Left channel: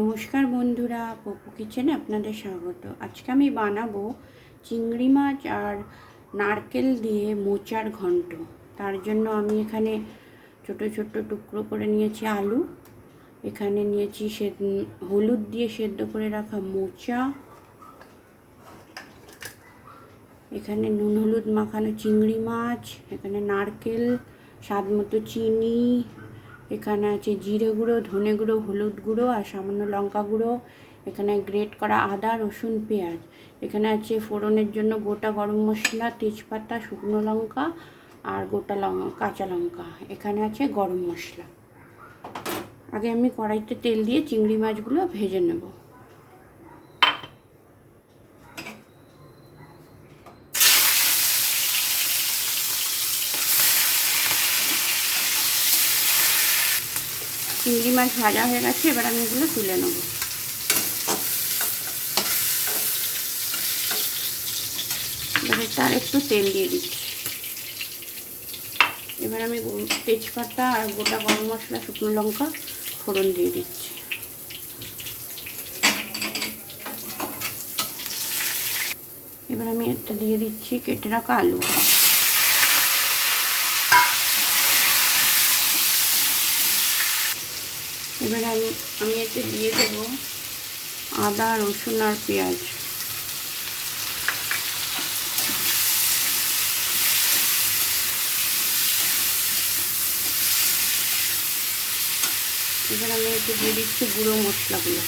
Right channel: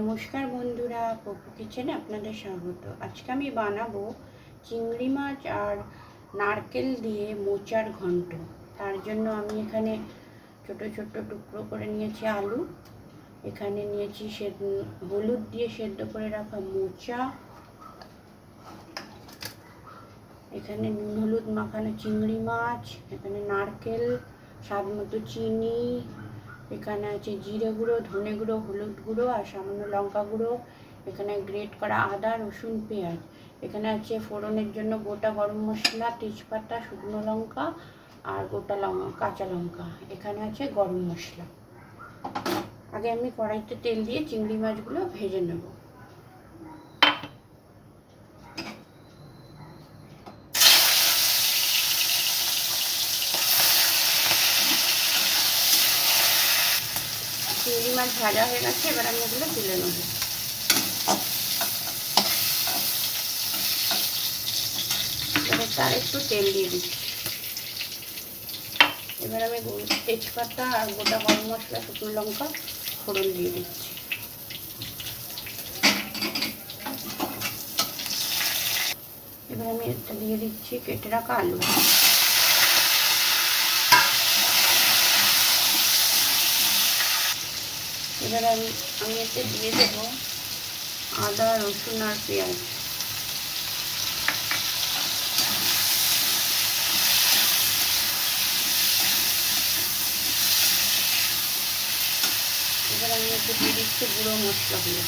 নমস্কার বন্ধুরা, পপু কিচেনে আপনাদের স্বাগত। আজকে আমি বানাবো চিংড়ি মাছ আর নারকেল দিয়ে মোচার ঘন্ট। তার জন্য আমি এখানে ছোট ছোট টুকরো করে নিয়েছি আলু, এখানে নিয়েছি হলুদ দিয়ে সেদ্ধ করে রাখা মোচা, এখানে নুন হলুদ মাখানো চিংড়ি মাছ, এখানে নারকেল, স্বাদ মতো চিনি, এখানে আছে জিরে গুঁড়ো, ধনে গুঁড়ো, হলুদ গুঁড়ো আর সামান্য লঙ্কা গুঁড়ো, এখানে গ্রেট করা আদা, রসুন, পেঁয়াজ, এখানে আছে ফোড়নের জন্য গোটা গরম মশলা, তেজপাতা, শুকনো লঙ্কা আর গোটা কাঁচা লঙ্কা, এখানে আছে গরম মশলা। আগে আমি কড়াইতে তেল দিয়ে চিংড়ি মাছগুলো ভেজে নেব। চিংড়ি মাছ ভাজা হয়ে গেছে, এবার আমি এগুলো তুলে নেব। এবার তার একটু তেল দিয়ে দিচ্ছি। এবার আমি তেজপাতা আর গোটা গরম মশলা, শুকনো লঙ্কা ফোড়ন দিয়ে দিচ্ছি। এবার আমি একটা দিয়ে দিচ্ছি কেটে রাখা আলু। এবার আমি এতে দিয়ে দেব আদা, রসুন আর পেঁয়াজ। এবার আমি এতে দিয়ে দিচ্ছি গুঁড়ো মশলাগুলো।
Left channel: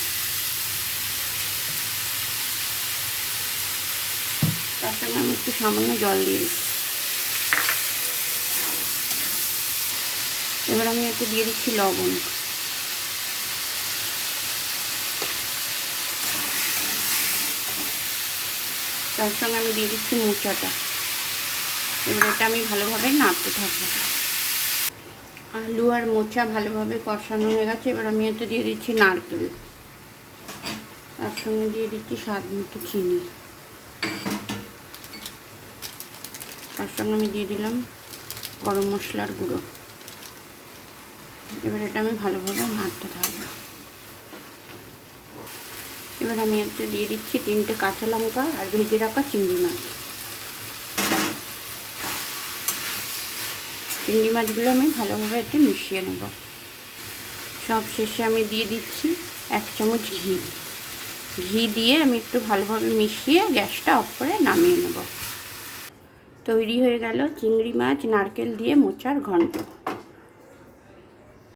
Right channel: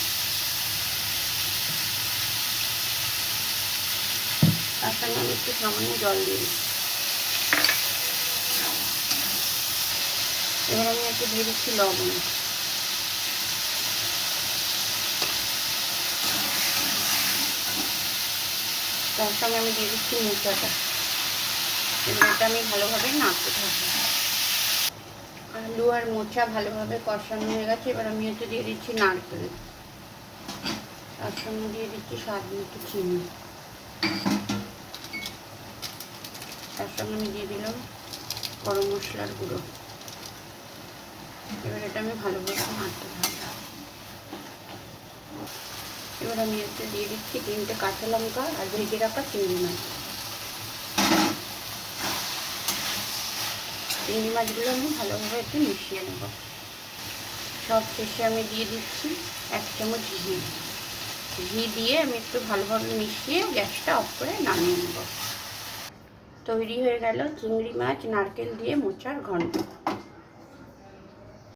তার সঙ্গে আমি একটু সামান্য জল দিয়ে দিচ্ছি। এবার আমি এতে দিয়ে দিচ্ছি লবণ। তার সঙ্গে আমি দিয়ে দিচ্ছি মোচাটা। এবার এটা আমি ভালোভাবে নাড়তে থাকি। আলু আর মোচা ভালোভাবে কষানো হয়ে গেছে, এবার আমি এতে দিয়ে দিচ্ছি নারকেল, তার সঙ্গে দিয়ে দিচ্ছি স্বাদ মতো চিনি, তার সঙ্গে আমি দিয়ে দিলাম গরম মশলার গুঁড়ো। এবার এটা আমি ভালোভাবে নাড়তে থাকি। এবার আমি একটা দিয়ে দিচ্ছি 3টে কাঁচা লঙ্কা আর ভেজে রাখা চিংড়ি মাছ। চিংড়ি মাছগুলো আমি ভালোভাবে একটু মিশিয়ে নেব। সব শেষে আমি দিয়ে দিচ্ছি 1 চামচ ঘি। ঘি দিয়ে আমি একটু ভালোভাবে মিশিয়ে গ্যাসটা অফ করে নামিয়ে নেব। তৈরি হয়ে গেল চিংড়ি মাছ নারকেল দিয়ে মোচার ঘন্ট।